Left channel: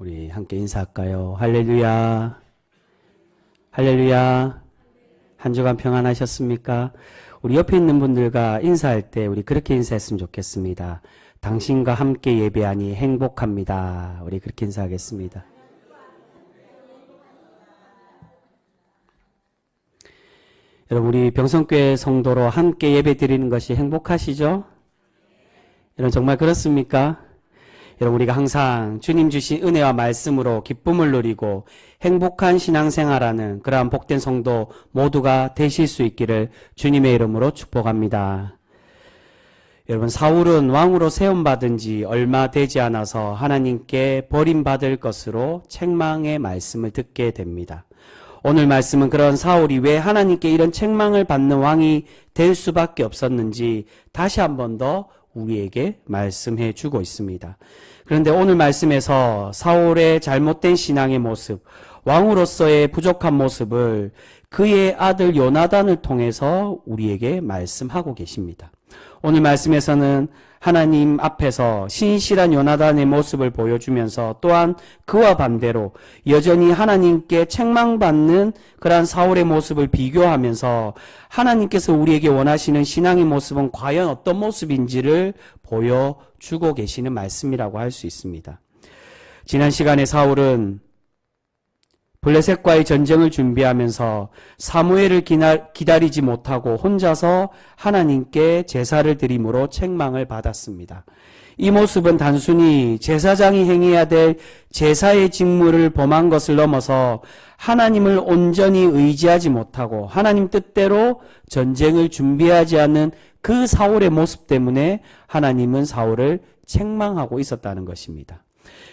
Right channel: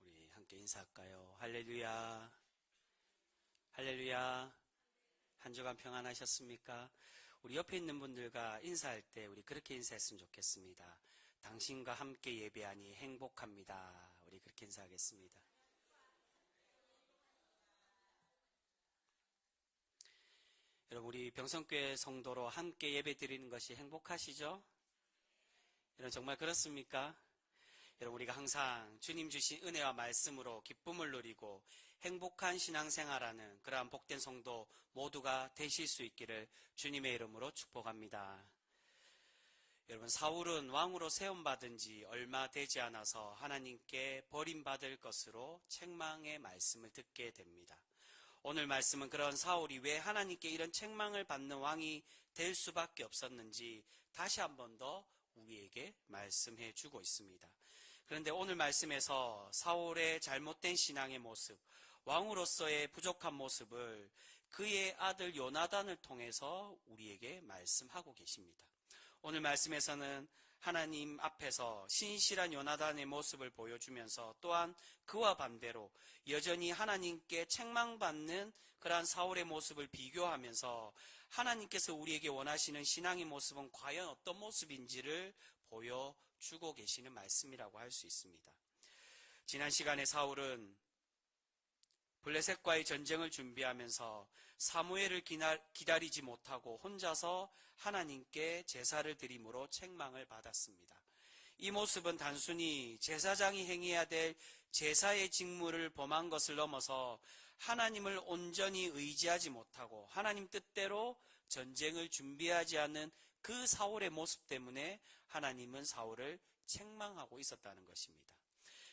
우리 함께 인사할까요? 할렐루야. 할렐루야. 한 주간 평안하셨습니까? 우리 옆에 있는 분들과 인사할 때 우리 그렇게 인사했으면 좋겠습니다. 당신과 함께 예배하니 행복합니다. 우리 그렇게 인사하겠습니다. 여러분, 우리 병성교회 성도로 함께 예배 드리는 것이 행복하시죠? 여러분, 정말 그렇습니까? 여러분, 우리가 항상 주님 주신 은혜와 말씀으로 기쁨을 누리고 행복한 신앙생활하는 그러한 복된 성도 모두가 되실 수 있기를 주님의 이름으로 축복합니다. 여러분, 사울은 왕으로 세움받은 지 얼마 되지 않아서 하나님께 버림받을 것으로 책망의 말씀을 듣게 됩니다. 오늘 말씀은 그런 사울이 왜 하나님께 이런 책망을 받는 왕이 될 수밖에 없었는지 다시 한 번 더 우리에게 말씀해 주고 있습니다. 그런데 오늘 말씀에서 사울의 잘못된 신앙의 모습, 왕으로서의 부족한 모습을 그의 아들 요나단을 통해서 우리에게 말씀하고 계십니다. 오늘 말씀에서는 하나님 앞에서 신실한 요나단의 모습을 보여주면서 또한 그와 반대로 여전히 하나님께 책망받는 그러한 사울의 모습을 비교하면서 하나님께서 우리에게 원하시는 신앙의 모습은 과연 어떤 모습인지를 보여주고 계시는 말씀이라고 할 수 있습니다. 지난 시간에 사울은 블레셋과의 전쟁을 준비하면서 사무엘을 기다리지 못하고 혼자서 하나님께 제사를 드림으로 책망을 받았습니다. 이 모습은 단순히 제사장이 행해야 될 제사의 직무를 범한 것을 넘어서 하나님을 온전히 의지하지 못하고 하나님 뜻대로 전쟁을 준비하지 않는 그 사울의 모습 때문에 하나님은 사울을 책망하고 있었다는 것입니다.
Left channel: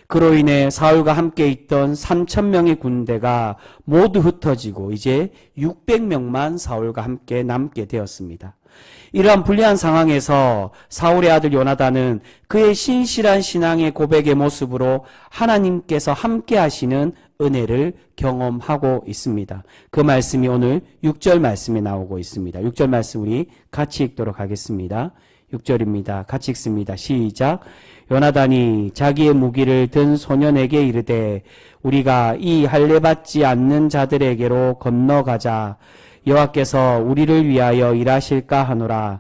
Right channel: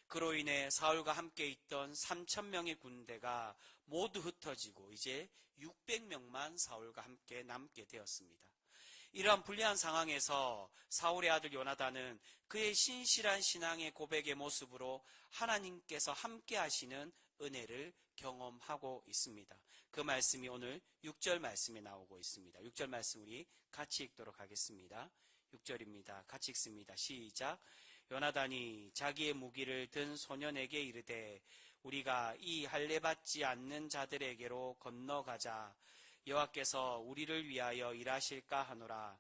그로 인해 사울과 함께 있던 3,000명의 군대가 모두 흩어지고 이제 600명만 사울과 함께 남게 되었습니다. 이러한 불리한 상황에서 사울의 아들 요나단은 그의 신실한 신앙의 고백의 모습으로 하나님께서 함께 하시는 은혜를 경험하고 있습니다. 그 말씀이 오늘 6절 말씀에 나오고 있습니다. 6절 말씀 우리 같이 읽도록 하겠습니다. 6절입니다. 같이 읽습니다. 시작. 요나단이 자기의 무기를 든 소년에게 이르되 우리가 이 할례받지 않는 자들에게로 건너가자. 여호와께서 우리를 위하여 일하실까 하노라.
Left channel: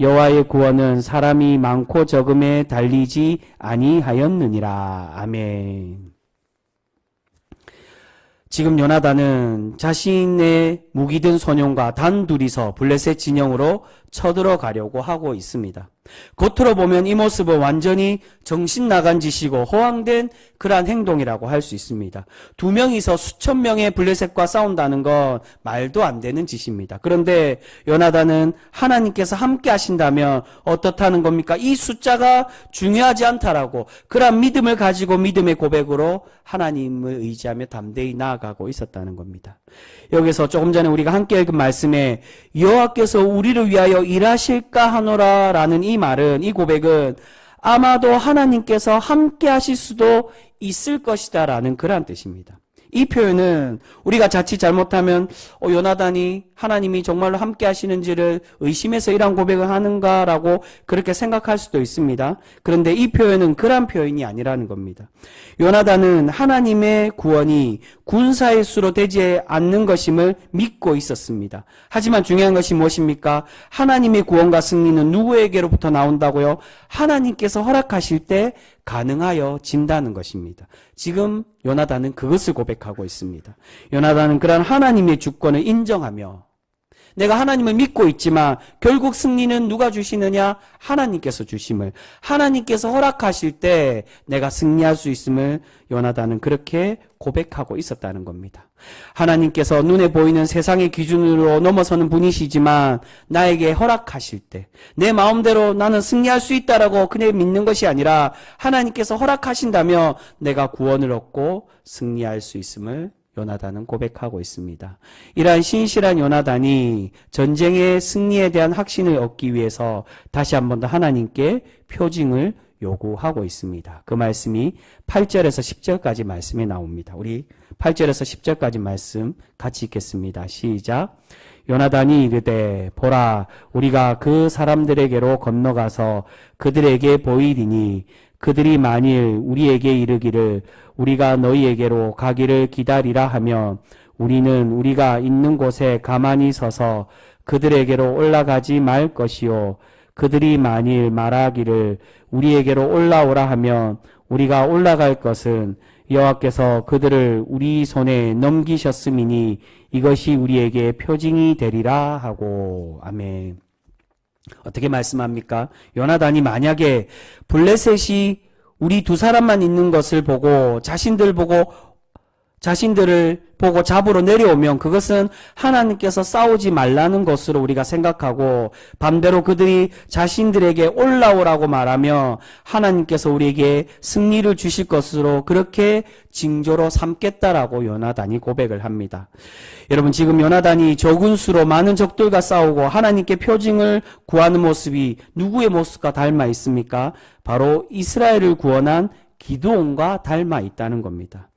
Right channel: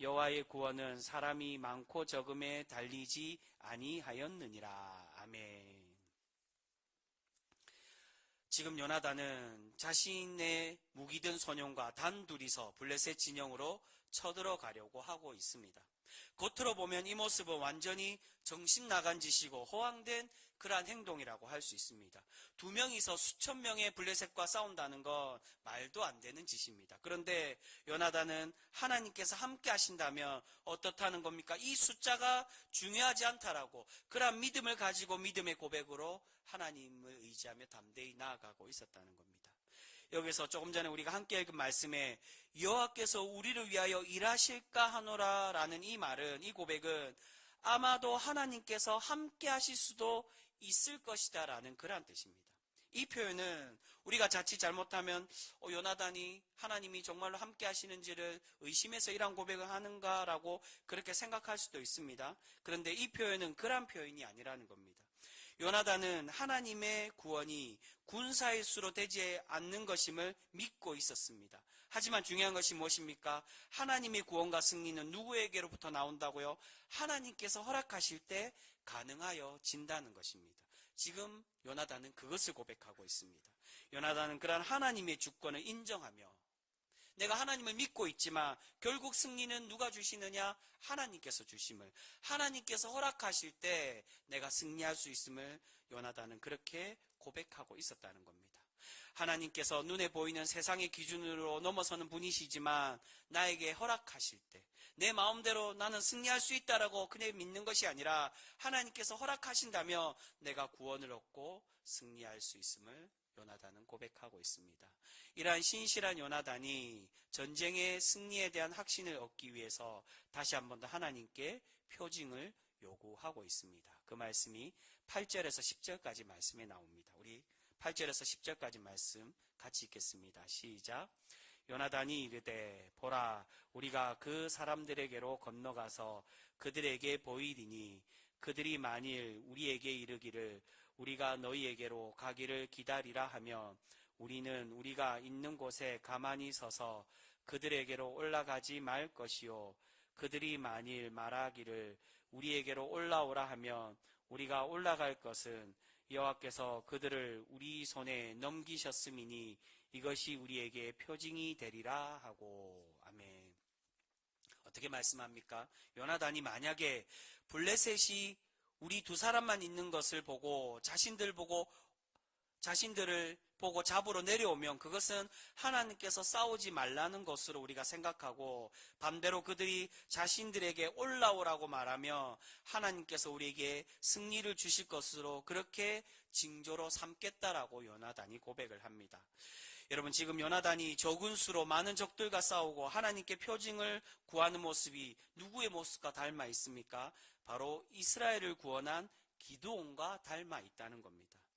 여호와의 구원은 사람이 많고 적음에 달리지 아니하였느니라. 아멘. 지금 요나단은 자신의 무기 든 소년과 단둘이서 블레셋 진영으로 쳐들어가려고 하고 있습니다. 겉으로 보면 이 모습은 완전히 정신 나간 짓이고 허황된 그러한 행동이라고 할 수 있습니다. 두 명이서 수천 명의 블레셋과 싸운다는 건 말도 안 되는 짓입니다. 그런데 요나단은 하나님께서 함께 하신다면 어떻다는 겁니까? 이 숫자가 중요하지 않다라고 그러한 믿음을 가지고 믿음의 고백으로 하나님을 의지하며 담대히 나아가고 있었다는 겁니다. 여기서 조금 전에 우리가 함께 읽은 말씀에 여호와께서 우리를 위하여 일하실까 하노라 라는 이 말은, 이 고백은 아마도 하나님께서 함께 하실 수도 있을 것이다 라는 그러한 뜻입니다. 이 표현은 우리가 자칫 잘못하면 요나단이 하나님이 정말로 함께 하시는지를 의심해서 이러한 고백을 하는가라고 그렇게 생각할 수도 있습니다. 그런데 이 표현은 그러한 표현이 아니라는 겁니다. 요나단은 하나님의 구원이 군사의 수로 되지 않는 것임을 믿고 있었습니다. 하지만 중요한 것이 무엇입니까? 하나님의 구원과 승리는 누구에게로부터 나온다고요? 하나님께서 허락하실 때 가능하여 진다는 것입니다. 지금 요나단은 그것을 고백하고 있습니다. 요나단은 그러한 하나님의 주권을 인정하며 내가 하나님을 믿고 있지만 결국 승리는 누가 주시느냐? 하나님께서 주심을, 하나님께서 허락하실 때 내가 승리할 수 있음을 요나단은 그렇게 고백하고 있었다는 겁니다. 하나님께서 눈에 보이는 세상의 기준으로 넘어서는 분이시지만 나에게 허락하실 때 내 마음대로 나는 승리할 수 있다라고 그냥 믿는 것이 아니라 하나님께서 허락하신다면 내가 구원을 얻고 승리할 수 있음을 요나단은 고백하고 있습니다. 이러한 신실한 요나단이 전쟁의 승리에 대한 확신을 얻기 위해서 다시 한 번 더 하나님께 표징을 요구하고 있습니다. 그 말씀이 8절에서 10절까지 말씀이 나옵니다. 우리 8절에서 10절까지 말씀 같이 읽겠습니다. 시작. 요나단이 이르되 보라 우리가 그 사람들에게로 건너가서 그들에게 보이리니 그들이 만일 우리에게 이르기를 우리가 너희에게로 가기를 기다리라 하면 우리는 우리가 있는 곳에 가만히 서서 그들에게로 올라가지 말 것이요 그들이 만일 말하기를 우리에게로 올라오라 하면 우리가 올라갈 것은 여호와께서 그들을 우리 손에 넘기셨음이니 이것이 우리에게 표징이 되리라 하고. 아멘. 어떻게 말씀합니까? 요나단이 만약에 블레셋이 우리 두 사람만 있는 것을 보고 자신들을 보고 잡으러 내려오면 그것은 하나님께서 싸우지 말라는 것으로 우리가 생각하고, 반대로 그들이 자신들에게 올라오라고 말하며 하나님께서 우리에게 승리를 주실 것으로 그렇게 징조로 삼겠다라고 요나단이 고백을 합니다. 여러분, 지금 요나단이 적은 수로 많은 적들과 싸우고 하나님께 표징을 구하는 모습이 누구의 모습과 닮아 있습니까? 바로 이스라엘을 구원한 기드온과 닮아 있다는 겁니다.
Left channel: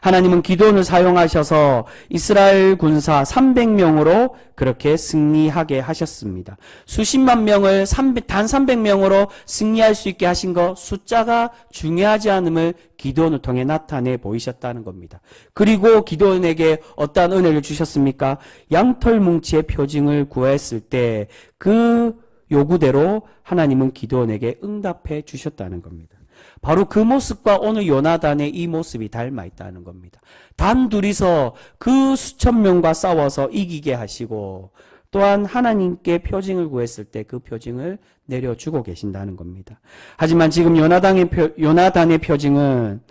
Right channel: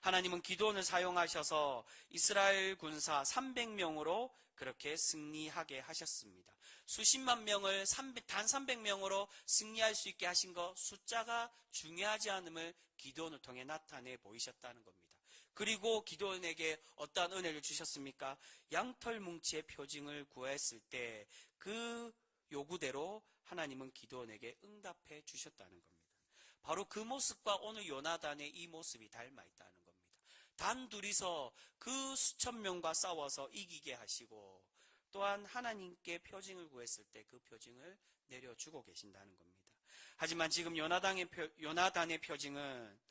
하나님은 기드온을 사용하셔서 이스라엘 군사 300명으로 그렇게 승리하게 하셨습니다. 수십만 명을 단 300명으로 승리할 수 있게 하신 것, 숫자가 중요하지 않음을 기드온을 통해 나타내 보이셨다는 겁니다. 그리고 기드온에게 어떠한 은혜를 주셨습니까? 양털 뭉치의 표징을 구했을 때 그 요구대로 하나님은 기드온에게 응답해 주셨다는 겁니다. 바로 그 모습과 오늘 요나단의 이 모습이 닮아 있다는 겁니다. 단 둘이서 그 수천 명과 싸워서 이기게 하시고, 또한 하나님께 표징을 구했을 때 그 표징을 내려주고 계신다는 겁니다. 하지만 지금 요나단의 표징은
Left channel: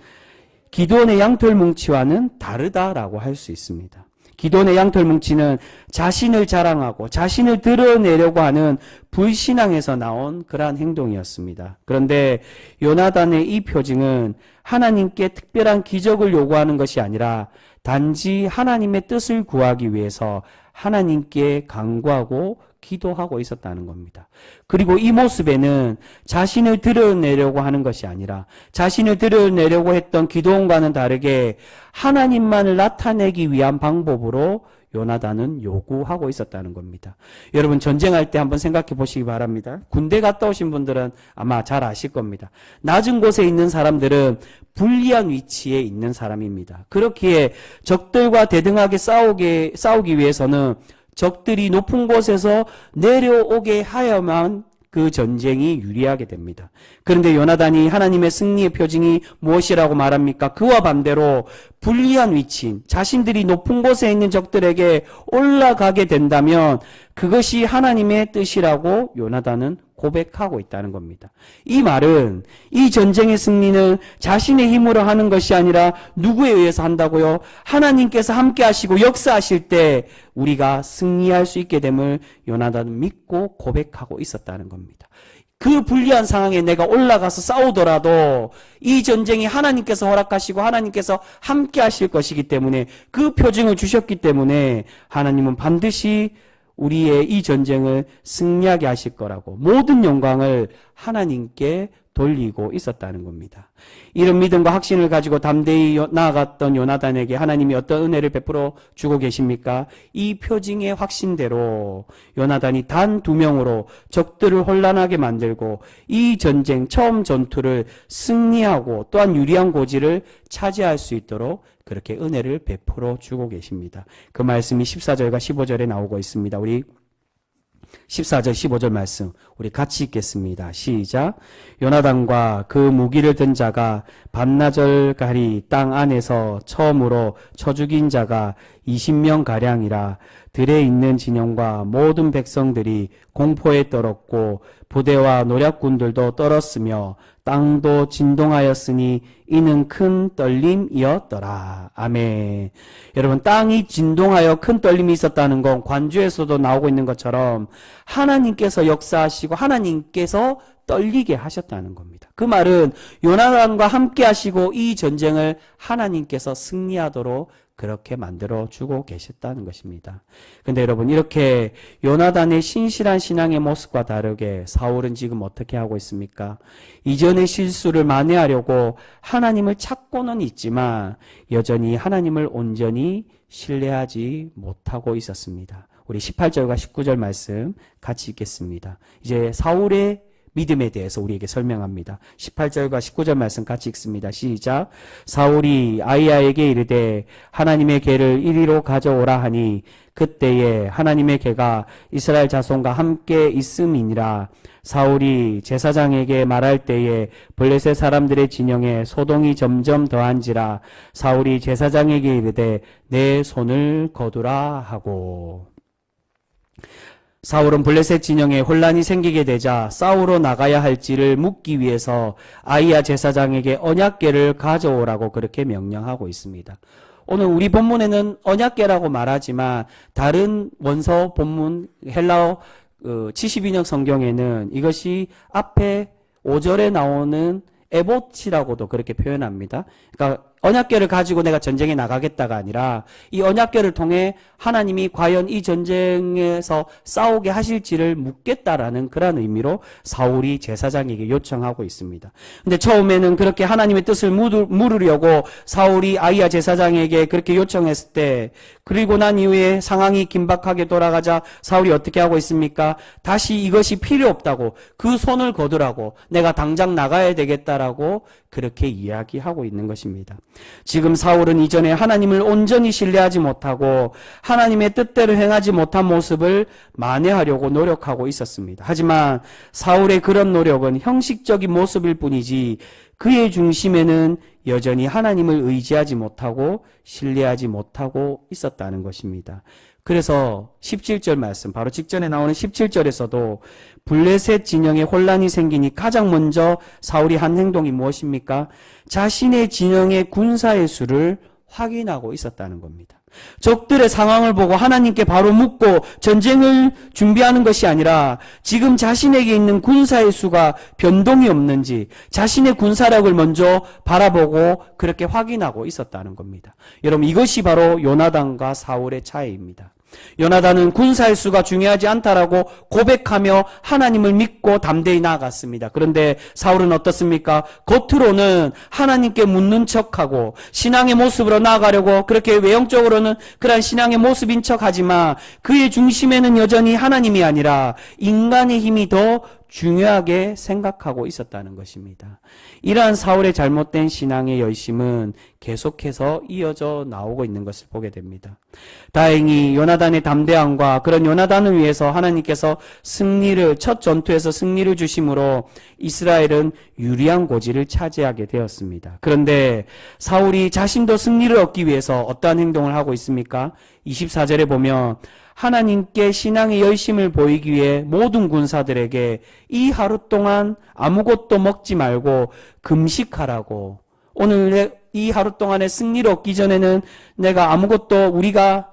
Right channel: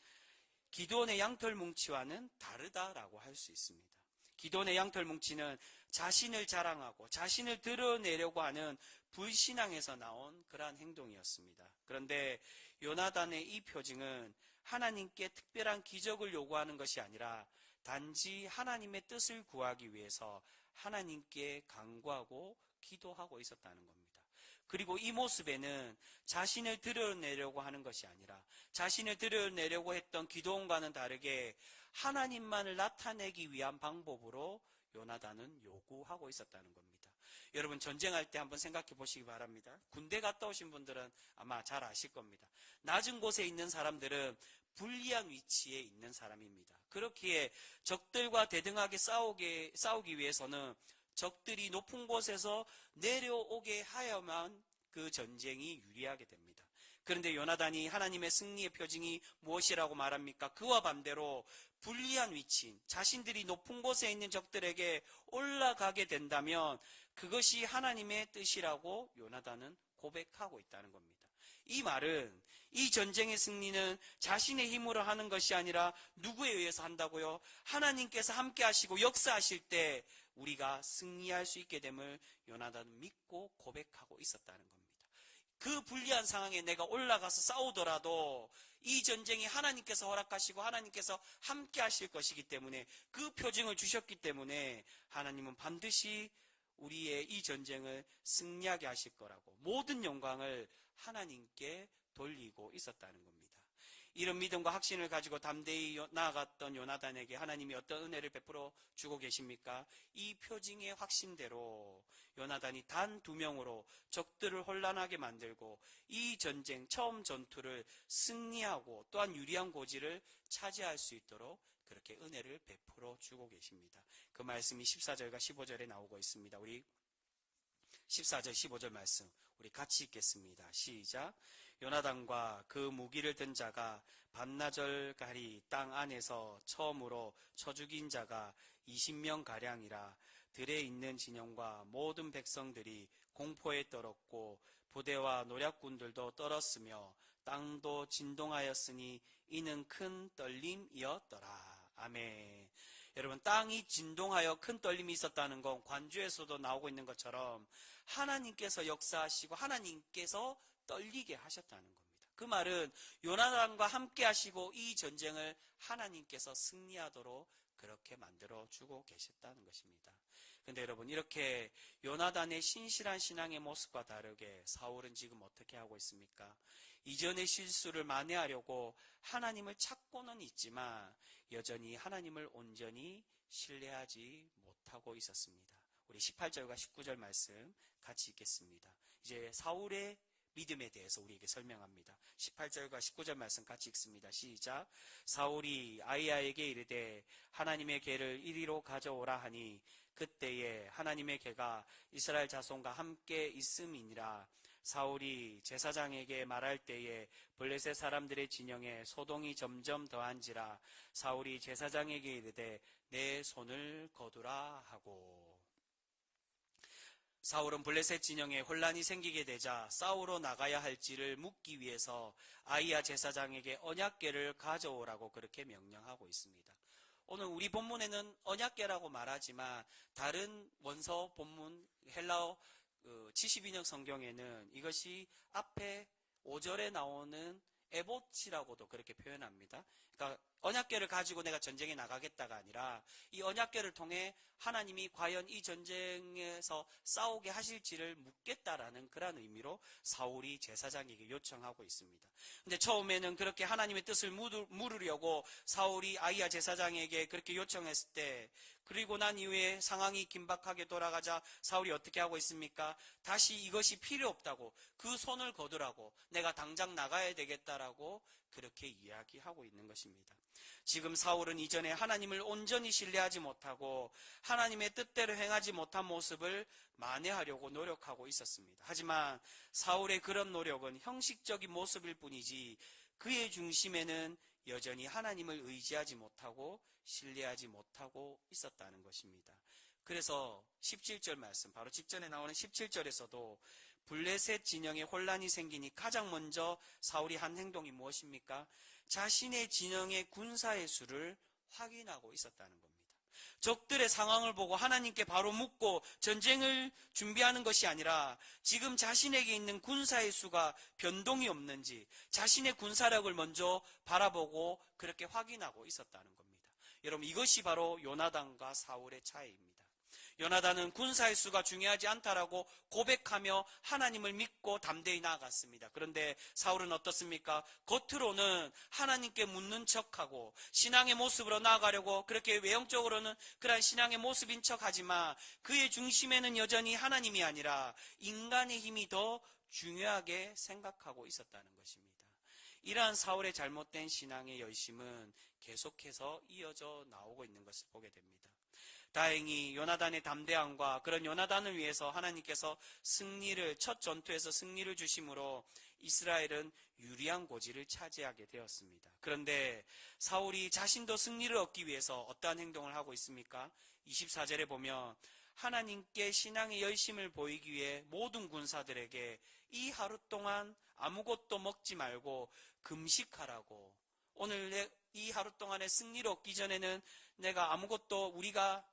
기드온의 양털 뭉치와는 다르다라고 할 수 있습니다. 기드온의 양털 뭉치는 자신을 자랑하고 자신을 드러내려고 하는 불신앙에서 나온 그러한 행동이었습니다. 그런데 요나단의 이 표징은 하나님께 특별한 기적을 요구하는 것이 아니라 단지 하나님의 뜻을 구하기 위해서 하나님께 간구하고 기도하고 있었다는 겁니다. 그리고 이 모습에는 자신을 드러내려고 하는 것이 아니라, 자신을 드러내려고 했던 기도원과는 다르게 하나님만을 나타내기 위한 방법으로 요나단은 요구하고 있었다는 겁니다. 여러분, 전쟁할 때 한번 생각해 보시기 바랍니다. 군대 갔다 오신 분들은 아마 잘 아실 겁니다. 낮은 곳에 있는 사람들은 불리한 위치에 있는 사람입니다. 그렇기에 적들과 대등하게 싸우기 위해서는 적들이 높은 곳에서 내려오게 하여만 그 전쟁이 유리하게 됩니다. 그런데 요나단이 하나님의 승리의 표징이 무엇이라고 말합니까? 그와 반대로 불리한 위치인 자신들이 높은 곳에 있는 적들에게 올라가게 된다면 그것이 하나님의 뜻이라고 요나단은 고백하고 있다는 겁니다. 이 말은 이 전쟁의 승리는 자신의 힘으로 하는 것이 아니라 누구에 의해서 한다고요? 하나님께서 함께 하시고 역사하실 때 우리가 승리할 수 있게 됨을 요나단은 믿고 고백하고 있었다는 겁니다. 그 불리한 상황에 내가 올라가서 싸우더라도 이 전쟁이 하나님께서 허락하시고 하나님께서 함께 하실 것이기 때문에, 그 표징을 주셨기 때문에 하나님은 반드시 우리의 이 전쟁을 승리하게 하실 거라고 모든 영광을 하나님께 돌리고 있었다는 겁니다. 이런 믿음과 확신을 가지고 담대히 나아갔던 요나단에게 하나님이 어떤 은혜를 베풀어 주고 계십니까? 이 표징의 확신대로 요나단이 단 2명으로 적들을 혼란하게 만들고 이 전쟁 처음 전투를 승리하고 또한 유리한 고지를 차지할 수 있도록 그렇게 은혜를 베풀어 주고 계십니다. 그 말씀이 14절과 15절에 나오고 있습니다. 우리 14절 15절 말씀 우리 같이 읽겠습니다. 시작. 요나단과 그 무기를 든 자가 반나절가리 땅 안에서 처음으로 쳐 죽인 자가 20명가량이라 들에 있는 진영과 모든 백성들이 공포에 떨었고 부대와 노략군들도 떨었으며 땅도 진동하였으니 이는 큰 떨림이었더라. 아멘. 여러분, 땅이 진동하여 큰 떨림이 있었다는 건 관주에서도 나오고 있는 것처럼 하나님께서 역사하시고 하나님께서 떨리게 하셨다는 겁니다. 그 말은 요나단과 함께 하시고 이 전쟁을 하나님께서 승리하도록 그렇게 만들어 주고 계셨다는 것입니다. 근데 여러분, 이렇게 요나단의 신실한 신앙의 모습과 다르게 사울은 지금 어떻게 하고 있습니까? 이전의 실수를 만회하려고 하나님을 찾고는 있지만 여전히 하나님을 온전히 신뢰하지 못하고 있었습니다. 우리 18절과 19절 말씀 같이 읽겠습니다. 이제 사울의 믿음에 대해서 우리에게 설명합니다. 18절과 19절 말씀 같이 읽습니다. 시작. 사울이 아히야에게 이르되 하나님의 궤를 이리로 가져오라 하니 그때에 하나님의 궤가 이스라엘 자손과 함께 있음이니라. 사울이 제사장에게 말할 때에 블레셋 사람들의 진영에 소동이 점점 더한지라. 사울이 제사장에게 이르되 내 손을 거두라 하고. 사울은 블레셋 진영에 혼란이 생기게 되자 싸우러 나가야 할지를 묻기 위해서 아히야 제사장에게 언약궤를 가져오라고 그렇게 명령하고 있습니다. 오늘 우리 본문에는 언약궤라고 말하지만 다른 원서 본문 헬라어 72년 성경에는 이것이 앞에 5절에 나오는 에봇이라고도 그렇게 표현합니다. 그러니까 언약궤를 가지고 내가 전쟁에 나가겠다가 아니라 이 언약궤를 통해 하나님이 과연 이 전쟁에서 싸우게 하실지를 묻겠다라는 그런 의미로 사울이 제사장에게 요청하고 있습니다. 근데 처음에는 그렇게 하나님의 뜻을 물으려고 사울이 아히야 제사장에게 그렇게 요청했을 때, 그리고 난 이후에 상황이 긴박하게 돌아가자 사울이 어떻게 하고 있습니까? 다시 이것이 필요 없다고, 그 손을 거두라고, 내가 당장 나가야 되겠다라고 그렇게 이야기하고 있는 것입니다. 지금 사울은 이전에 하나님을 온전히 신뢰하지 못하고 하나님의 뜻대로 행하지 못한 모습을 만회하려고 노력하고 있었습니다. 하지만 사울의 그런 노력은 형식적인 모습일 뿐이지 그의 중심에는 여전히 하나님을 의지하지 못하고 신뢰하지 못하고 있었다는 것입니다. 그래서 17절 말씀, 바로 직전에 나오는 17절에서도 블레셋 진영에 혼란이 생기니 가장 먼저 사울이 한 행동이 무엇입니까? 자신의 진영의 군사의 수를 확인하고 있었다는 겁니다. 적들의 상황을 보고 하나님께 바로 묻고 전쟁을 준비하는 것이 아니라 지금 자신에게 있는 군사의 수가 변동이 없는지 자신의 군사력을 먼저 바라보고 그렇게 확인하고 있었다는 겁니다. 여러분, 이것이 바로 요나단과 사울의 차이입니다. 요나단은 군사의 수가 중요하지 않다라고 고백하며 하나님을 믿고 담대히 나아갔습니다. 그런데 사울은 어떻습니까? 겉으로는 하나님께 묻는 척하고 신앙의 모습으로 나아가려고 그렇게 외형적으로는 그런 신앙의 모습인 척하지만 그의 중심에는 여전히 하나님이 아니라 인간의 힘이 더 중요하게 생각하고 있었다는 것입니다. 이러한 사울의 잘못된 신앙의 열심은 계속해서 이어져 나오고 있는 것을 보게 됩니다. 다행히 요나단의 담대함과 그런 요나단을 위해서 하나님께서 첫 전투에서 승리를 주심으로 이스라엘은 유리한 고지를 차지하게 되었습니다. 그런데 사울이 자신도 승리를 얻기 위해서 어떠한 행동을 하고 있습니까? 24절에 보면 하나님께 신앙의 열심을 보이기 위해 모든 군사들에게 이 하루 동안 아무것도 먹지 말고 금식하라고, 오늘 이 하루 동안의 승리를 얻기 전에는 내가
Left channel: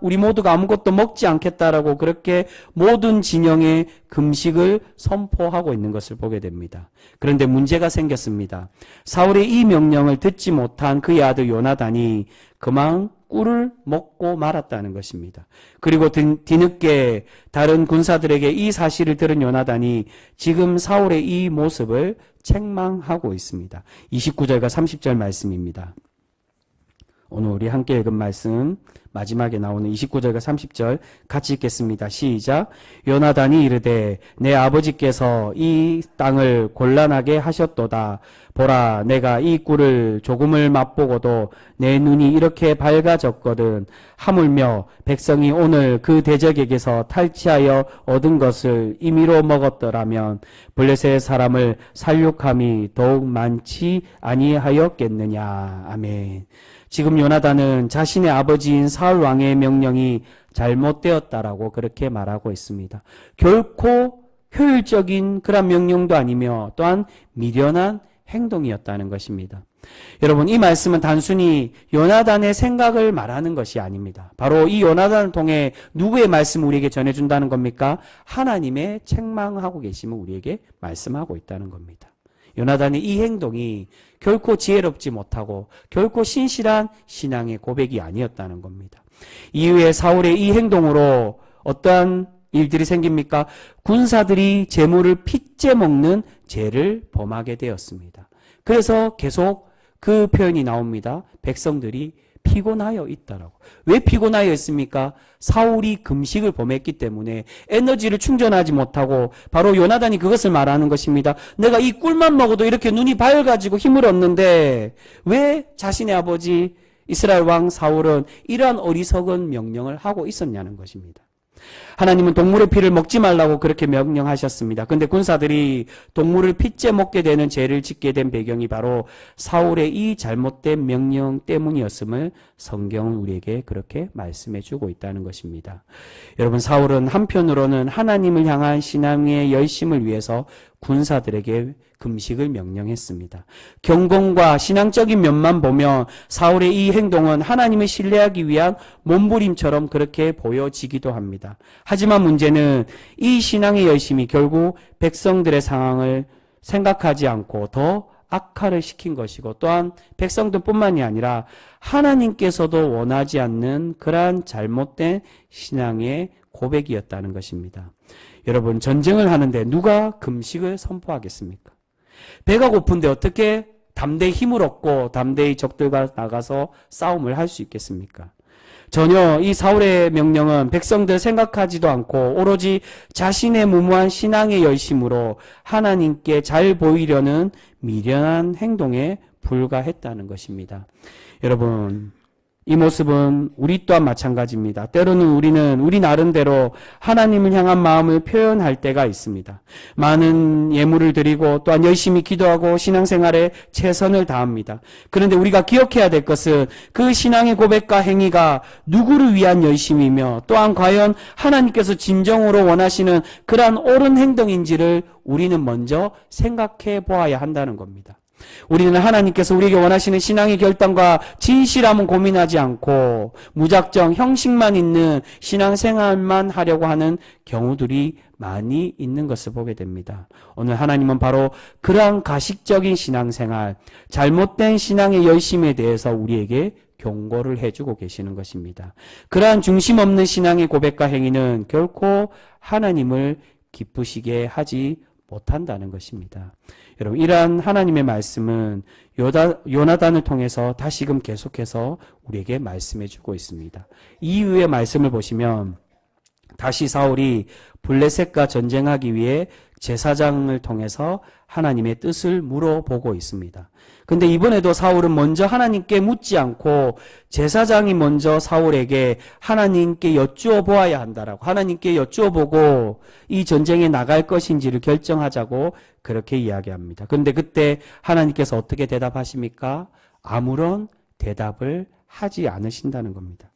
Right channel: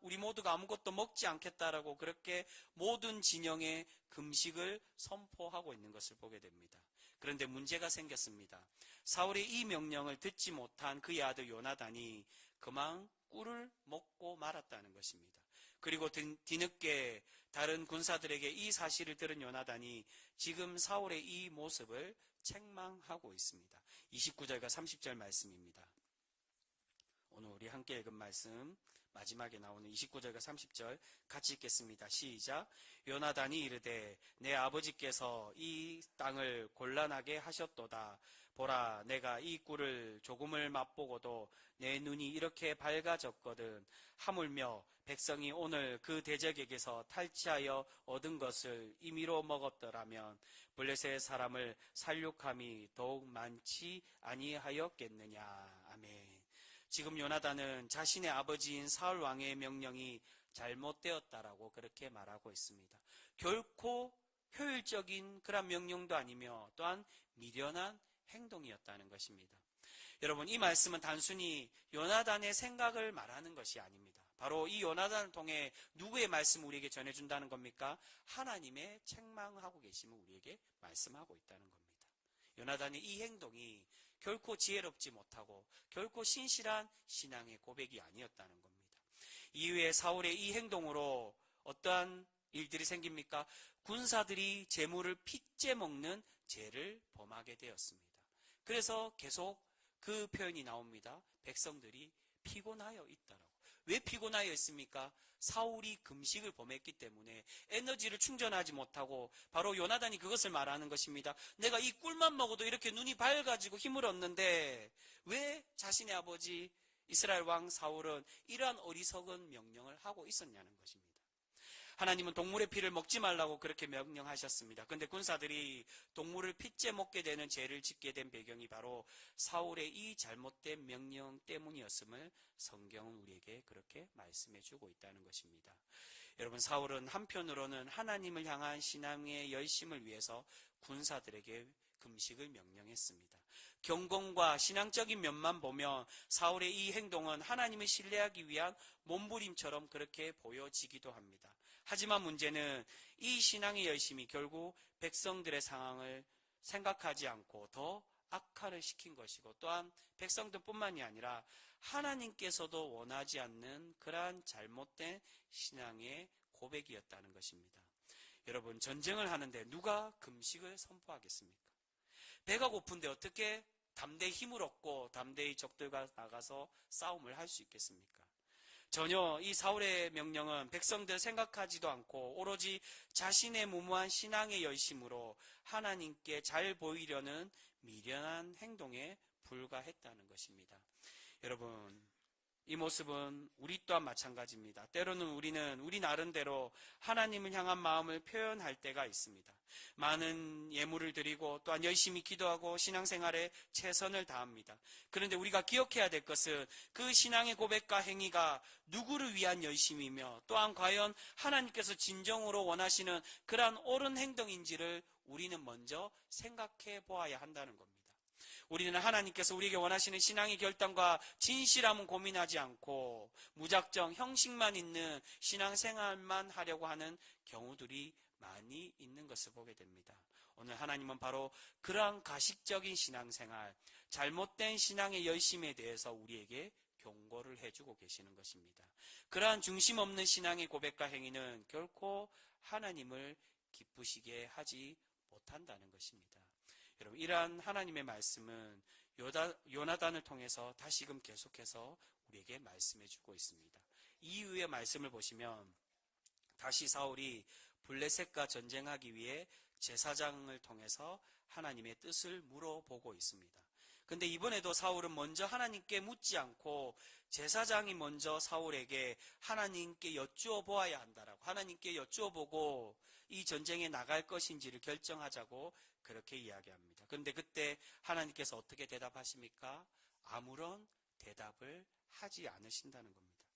우리 모두가 아무것도 먹지 않겠다라고 그렇게 모든 진영에 금식을 선포하고 있는 것을 보게 됩니다. 그런데 문제가 생겼습니다. 사울의 이 명령을 듣지 못한 그의 아들 요나단이 그만 꿀을 먹고 말았다는 것입니다. 그리고 뒤늦게 다른 군사들에게 이 사실을 들은 요나단이 지금 사울의 이 모습을 책망하고 있습니다. 29절과 30절 말씀입니다. 오늘 우리 함께 읽은 말씀 마지막에 나오는 29절과 30절 같이 읽겠습니다. 시작. 요나단이 이르되 내 아버지께서 이 땅을 곤란하게 하셨도다. 보라, 내가 이 꿀을 조금을 맛보고도 내 눈이 이렇게 밝아졌거든. 하물며 백성이 오늘 그 대적에게서 탈취하여 얻은 것을 임의로 먹었더라면 블레셋 사람을 살육함이 더욱 많지 아니하였겠느냐. 아멘. 지금 요나단은 자신의 아버지인 사울 왕의 명령이 잘못되었다라고 그렇게 말하고 있습니다. 결코 효율적인 그런 명령도 아니며 또한 미련한 행동이었다는 것입니다. 여러분, 이 말씀은 단순히 요나단의 생각을 말하는 것이 아닙니다. 바로 이 요나단을 통해 누구의 말씀을 우리에게 전해준다는 겁니까? 하나님의 책망하고 계심을 우리에게 말씀하고 있다는 겁니다. 요나단의 이 행동이 결코 지혜롭지 못하고 결코 신실한 신앙의 고백이 아니었다는 겁니다. 이후에 사울의 이 행동으로 어떠한 일들이 생깁니까? 군사들이 재물을 핏째 먹는 죄를 범하게 되었습니다. 그래서 계속 그 표현이 나옵니다. 백성들이 피곤하여 있다라고. 왜 피곤하여 있습니까? 사울이 금식을 범했기 때문에 에너지를 충전하지 못하고 바로 요나단이 그것을 말하는 것입니다. 내가 이 꿀만 먹어도 이렇게 눈이 밝아지고 힘을 얻는데 왜 자신의 아버지 이스라엘 왕 사울은 이러한 어리석은 명령을 하고 있었냐는 것입니다. 하나님은 동물의 피를 먹지 말라고 그렇게 명령하셨습니다. 근데 군사들이 동물을 피째 먹게 되는 죄를 짓게 된 배경이 바로 사울의 이 잘못된 명령 때문이었음을 성경은 우리에게 그렇게 말씀해 주고 있다는 것입니다. 여러분, 사울은 한편으로는 하나님을 향한 신앙의 열심을 위해서 군사들에게 금식을 명령했습니다. 경건과 신앙적인 면만 보면 사울의 이 행동은 하나님을 신뢰하기 위한 몸부림처럼 그렇게 보여지기도 합니다. 하지만 문제는 이 신앙의 열심이 결국 백성들의 상황을 생각하지 않고 더 악화를 시킨 것이고, 또한 백성들뿐만이 아니라 하나님께서도 원하지 않는 그러한 잘못된 신앙의 고백이었다는 것입니다. 여러분, 전쟁을 하는데 누가 금식을 선포하겠습니까? 배가 고픈데 어떻게 담대히 힘을 얻고 담대히 적들과 나가서 싸움을 할 수 있겠습니까? 전혀 이 사울의 명령은 백성들 생각하지도 않고 오로지 자신의 무모한 신앙의 열심으로 하나님께 잘 보이려는 미련한 행동에 불과했다는 것입니다. 여러분, 이 모습은 우리 또한 마찬가지입니다. 때로는 우리는 우리 나름대로 하나님을 향한 마음을 표현할 때가 있습니다. 많은 예물을 드리고 또한 열심히 기도하고 신앙생활에 최선을 다합니다. 그런데 우리가 기억해야 될 것은 그 신앙의 고백과 행위가 누구를 위한 열심이며 또한 과연 하나님께서 진정으로 원하시는 그러한 옳은 행동인지를 우리는 먼저 생각해 보아야 한다는 겁니다. 우리는 하나님께서 우리에게 원하시는 신앙의 결단과 진실함은 고민하지 않고 무작정 형식만 있는 신앙생활만 하려고 하는 경우들이 많이 있는 것을 보게 됩니다. 오늘 하나님은 바로 그러한 가식적인 신앙생활, 잘못된 신앙의 열심에 대해서 우리에게 경고를 해주고 계시는 것입니다. 그러한 중심 없는 신앙의 고백과 행위는 결코 하나님을 기쁘시게 하지 못한다는 것입니다. 여러분, 이러한 하나님의 말씀은 요나단을 통해서 다시금 계속해서 우리에게 말씀해 주고 있습니다. 이후의 말씀을 보시면 다시 사울이 블레셋과 전쟁하기 위해 제사장을 통해서 하나님의 뜻을 물어보고 있습니다. 근데 이번에도 사울은 먼저 하나님께 묻지 않고 제사장이 먼저 사울에게 하나님께 여쭈어 보아야 한다라고, 하나님께 여쭈어 보고 이 전쟁에 나갈 것인지를 결정하자고 그렇게 이야기합니다. 그런데 그때 하나님께서 어떻게 대답하십니까? 아무런 대답을 하지 않으신다는 겁니다.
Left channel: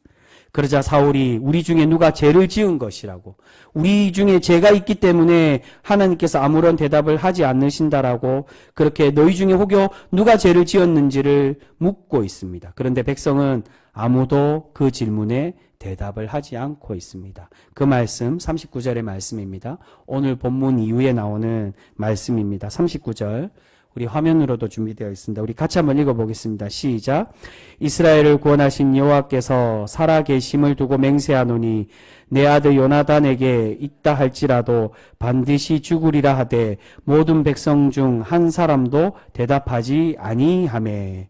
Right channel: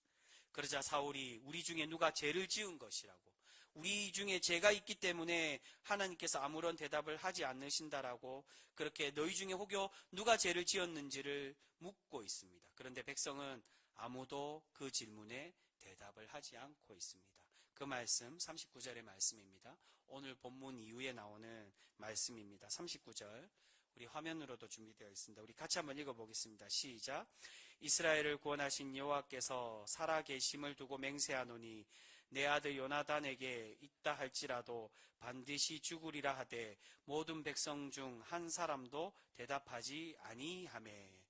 그러자 사울이 우리 중에 누가 죄를 지은 것이라고, 우리 중에 죄가 있기 때문에 하나님께서 아무런 대답을 하지 않으신다라고 그렇게 너희 중에 혹여 누가 죄를 지었는지를 묻고 있습니다. 그런데 백성은 아무도 그 질문에 대답을 하지 않고 있습니다. 그 말씀 39절의 말씀입니다. 오늘 본문 이후에 나오는 말씀입니다. 39절 우리 화면으로도 준비되어 있습니다. 우리 같이 한번 읽어보겠습니다. 시작. 이스라엘을 구원하신 여호와께서 살아계심을 두고 맹세하노니 내 아들 요나단에게 있다 할지라도 반드시 죽으리라 하되 모든 백성 중 한 사람도 대답하지 아니하매.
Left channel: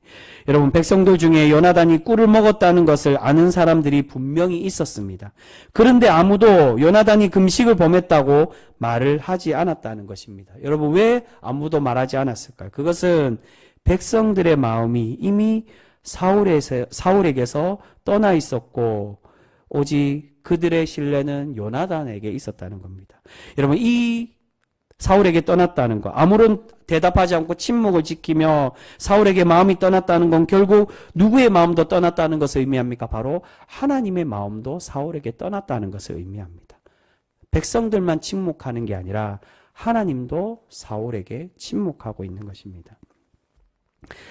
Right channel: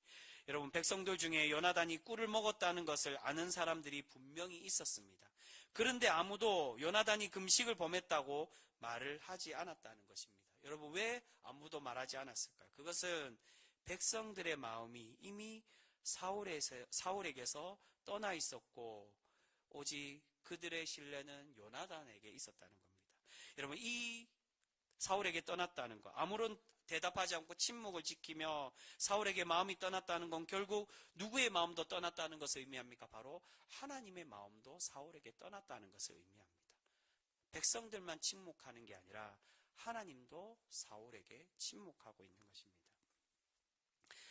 여러분, 백성들 중에 요나단이 꿀을 먹었다는 것을 아는 사람들이 분명히 있었습니다. 그런데 아무도 요나단이 금식을 범했다고 말을 하지 않았다는 것입니다. 여러분, 왜 아무도 말하지 않았을까요? 그것은 백성들의 마음이 이미 사울에게서 떠나 있었고 오직 그들의 신뢰는 요나단에게 있었다는 겁니다. 여러분, 이 사울에게 떠났다는 것, 아무런 대답하지 않고 침묵을 지키며 사울에게 마음이 떠났다는 건 결국 누구의 마음도 떠났다는 것을 의미합니까? 바로 하나님의 마음도 사울에게 떠났다는 것을 의미합니다. 백성들만 침묵하는 게 아니라 하나님도 사울에게 침묵하고 있는 것입니다.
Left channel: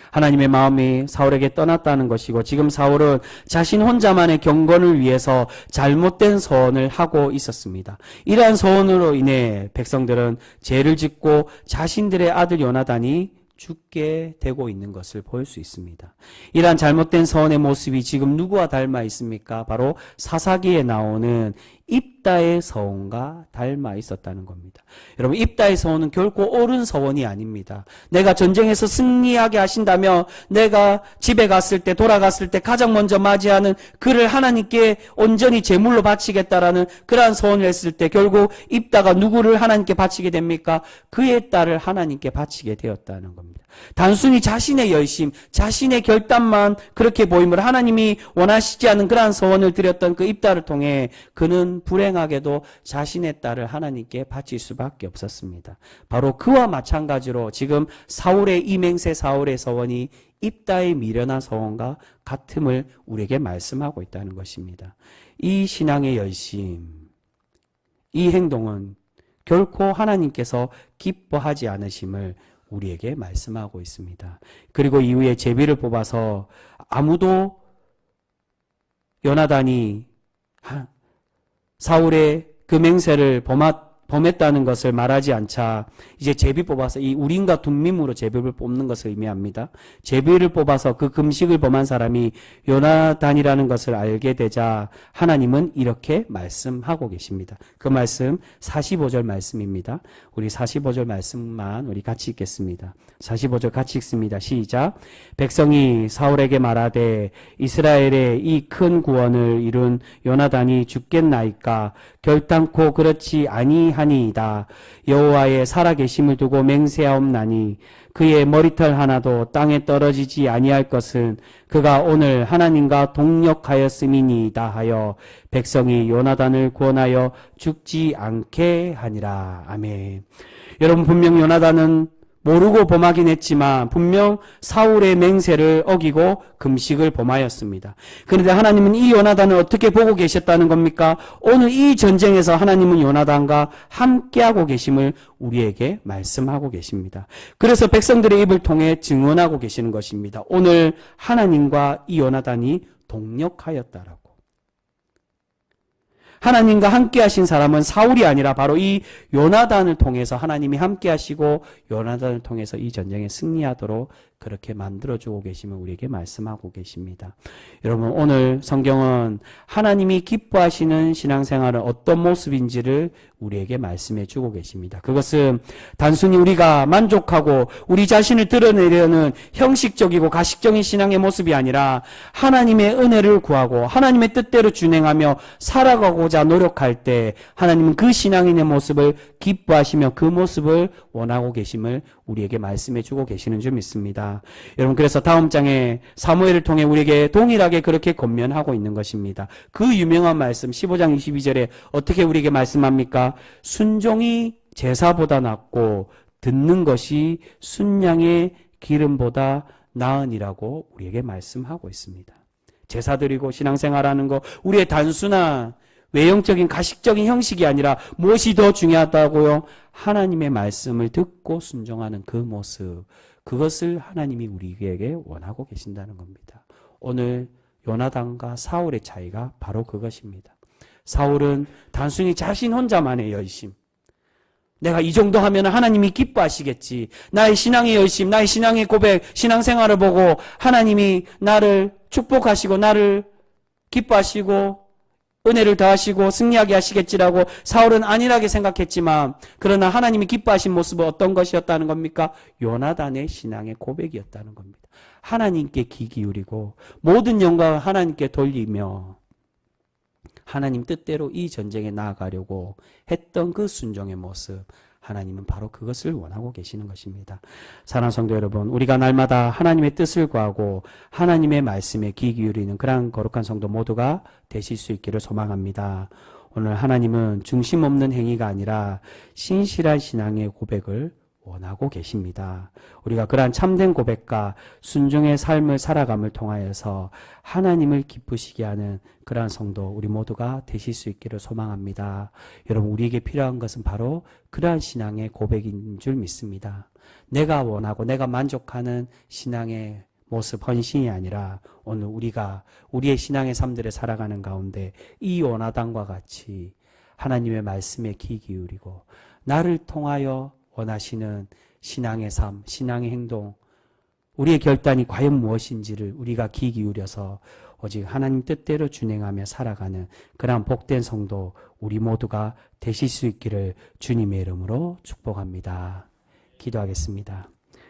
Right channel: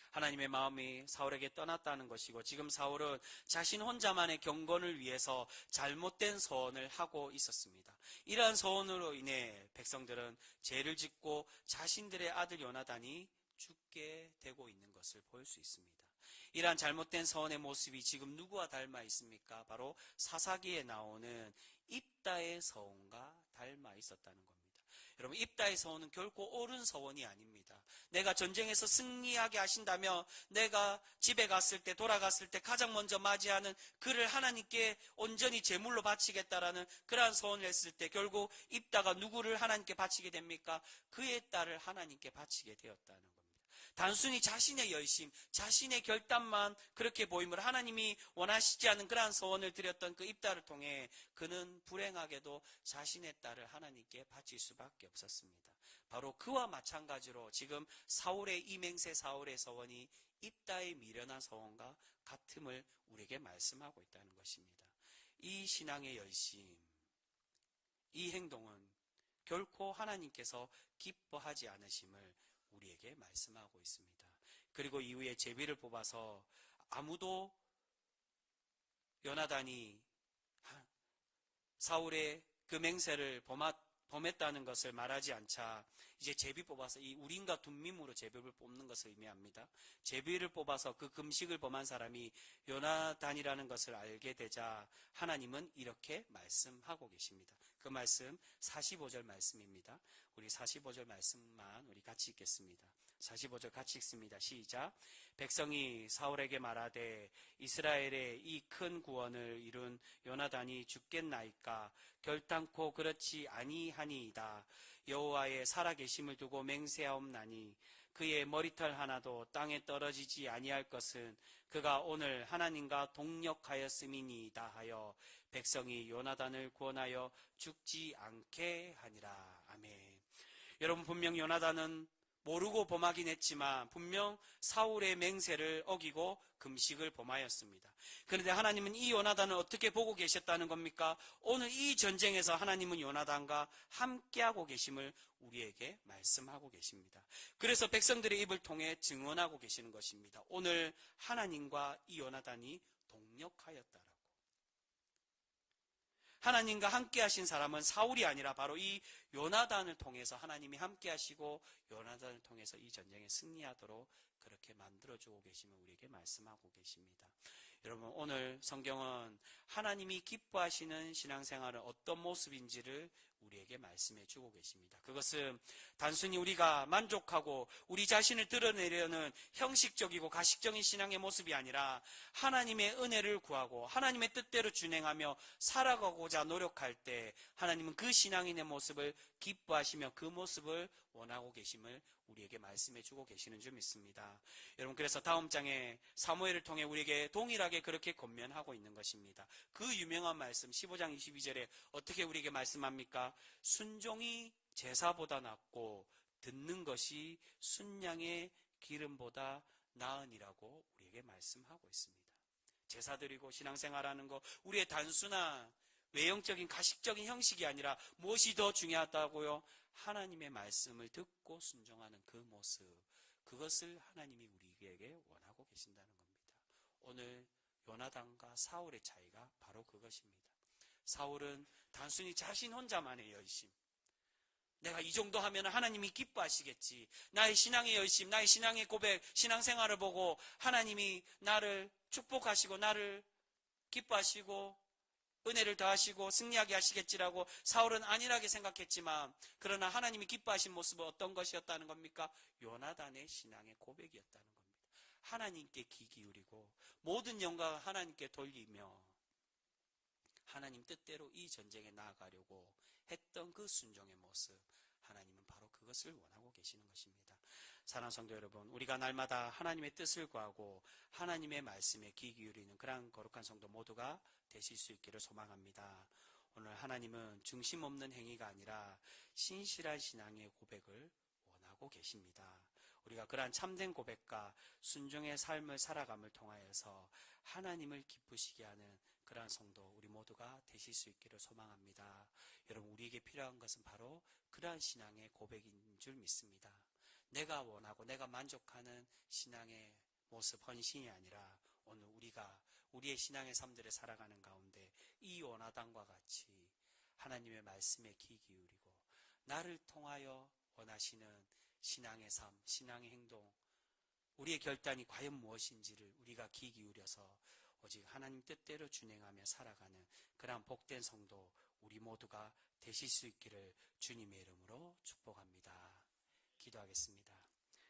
하나님의 마음이 사울에게 떠났다는 것이고 지금 사울은 자신 혼자만의 경건을 위해서 잘못된 서원을 하고 있었습니다. 이러한 서원으로 인해 백성들은 죄를 짓고 자신들의 아들 요나단이 죽게 되고 있는 것을 볼 수 있습니다. 이러한 잘못된 서원의 모습이 지금 누구와 닮아 있습니까? 바로 사사기에 나오는 입다의 서원과 닮아 있었다는 겁니다. 여러분, 입다의 서원은 결코 옳은 서원이 아닙니다. 내가 전쟁에서 승리하게 하신다며 내가 집에 갔을 때, 돌아갔을 때 가장 먼저 맞이하는 그를 하나님께 온전히 제물로 바치겠다라는 그러한 서원을 했을 때 결국 입다가 누구를 하나님께 바치게 됩니까? 그의 딸을 하나님께 바치게 되었다는 겁니다. 단순히 자신의 열심, 자신의 결단만 그렇게 보임을 하나님이 원하시지 않은 그러한 서원을 드렸던 그 입다를 통해 그는 불행하게도 자신의 딸을 하나님께 바칠 수밖에 없었습니다. 바로 그와 마찬가지로 지금 사울의 이맹세 사울의 서원이 입다의 미련한 서원과 같음을 우리에게 말씀하고 있다는 것입니다. 이 신앙의 열심, 이 행동은 결코 하나님께서 기뻐하지 않으심을 우리에게 말씀하고 있습니다. 그리고 이후에 제비를 뽑아서 아무도 요나단이 사울의 그 맹세를 범했다는 것을 말하지 않자 이제 제비 뽑아서 이 우림과 둠밈으로 제비를 뽑는 것을 의미합니다. 제비를 뽑아서 그 금식을 범한 사람이 요나단이라는 것을 알게 되자 하나님은 이렇게 말씀하고 계십니다. 그 말씀 45절 말씀입니다. 우리 45절 말씀만 우리 같이 읽겠습니다. 45절 같이 읽습니다. 시작. 백성이 사울에게 말하되 이스라엘의 이 큰 구원을 이룬 요나단이 죽겠나이까 결단코 그렇지 아니하니이다. 여호와의 살아계심을 두고 맹세하옵나니 그의 머리털 하나도 땅에 떨어지지 아니할 것은 그가 오늘 하나님과 동력하였음이니이다 하여 백성이 요나단을 구원하여 죽지 않게 하니라. 아멘. 여러분, 분명 요나단은 모르고 범하긴 했지만 분명 사울의 맹세를 어기고 금식을 범하였습니다. 그런데 하나님은 이 요나단을 어떻게 보고 계셨다는 겁니까? 오늘 이 전쟁에서 하나님은 요나단과 함께하고 계심을 우리에게 말씀하고 계십니다. 그래서 백성들의 입을 통해 증언하고 계시는 것입니다. 오늘 하나님과 이 요나단이 동력하였다라고. 하나님과 함께 하신 사람은 사울이 아니라 바로 이 요나단을 통해서 하나님이 함께 하시고 요나단을 통해서 이 전쟁에 승리하도록 그렇게 만들어주고 계시면 우리에게 말씀하고 계십니다. 여러분, 오늘 성경은 하나님이 기뻐하시는 신앙생활은 어떤 모습인지를 우리에게 말씀해 주고 계십니다. 그것은 단순히 우리가 만족하고 우리 자신을 드러내려는 형식적이고 가식적인 신앙의 모습이 아니라 하나님의 은혜를 구하고 하나님의 뜻대로 준행하며 살아가고자 노력할 때 하나님은 그 신앙인의 모습을 기뻐하시며 그 모습을 원하고 계심을 우리에게 말씀해 주고 계시는 줄 믿습니다. 여러분, 그래서 다음 장에 사무엘을 통해 우리에게 동일하게 그렇게 권면하고 있는 것입니다. 그 유명한 말씀 15장 22절에 어떻게 우리에게 말씀합니까? 순종이 제사보다 낫고 듣는 것이 순양의 기름보다 나으니라고 우리에게 말씀하고 있습니다. 제사 드리고 신앙생활하는 거 우리의 단순한 외형적인 가식적인 형식이 아니라 무엇이 더 중요하다고요? 하나님의 말씀을 듣고 순종하는 그 모습, 그것을 하나님이 우리에게 원하고 계신다는 겁니다. 오늘 요나단과 사울의 차이가 바로 그것입니다. 사울은 단순히 자신 혼자만의 열심, 내가 이 정도 하면 하나님이 기뻐하시겠지, 나의 신앙의 열심, 나의 신앙의 고백, 신앙생활을 보고 하나님이 나를 축복하시고 나를 기뻐하시고 은혜를 더하시고 승리하게 하시겠지라고 사울은 안일하게 생각했지만, 그러나 하나님이 기뻐하신 모습은 어떤 것이었다는 겁니까? 요나단의 신앙의 고백이었다는 겁니다. 하나님께 귀 기울이고 모든 영광을 하나님께 돌리며 하나님 뜻대로 이 전쟁에 나아가려고 했던 그 순종의 모습, 하나님은 바로 그것을 원하고 계시는 것입니다. 사랑하는 성도 여러분, 우리가 날마다 하나님의 뜻을 구하고 하나님의 말씀에 귀 기울이는 그러한 거룩한 성도 모두가 되실 수 있기를 소망합니다. 오늘 하나님은 중심 없는 행위가 아니라 신실한 신앙의 고백을 원하고 계십니다. 우리가 그러한 참된 고백과 순종의 삶을 살아감을 통하여서 하나님을 기쁘시게 하는 그러한 성도 우리 모두가 되실 수 있기를 소망합니다. 여러분, 우리에게 필요한 것은 바로 그러한 신앙의 고백인 줄 믿습니다. 내가 원하고 내가 만족하는 신앙의 모습, 헌신이 아니라 오늘 우리가 우리의 신앙의 삶들을 살아가는 가운데 이 요나단과 같이 하나님의 말씀에 귀 기울이고 나를 통하여 원하시는 신앙의 삶, 신앙의 행동, 우리의 결단이 과연 무엇인지를 우리가 귀 기울여서 오직 하나님 뜻대로 준행하며 살아가는 그러한 복된 성도 우리 모두가 되실 수 있기를 주님의 이름으로 축복합니다. 기도하겠습니다.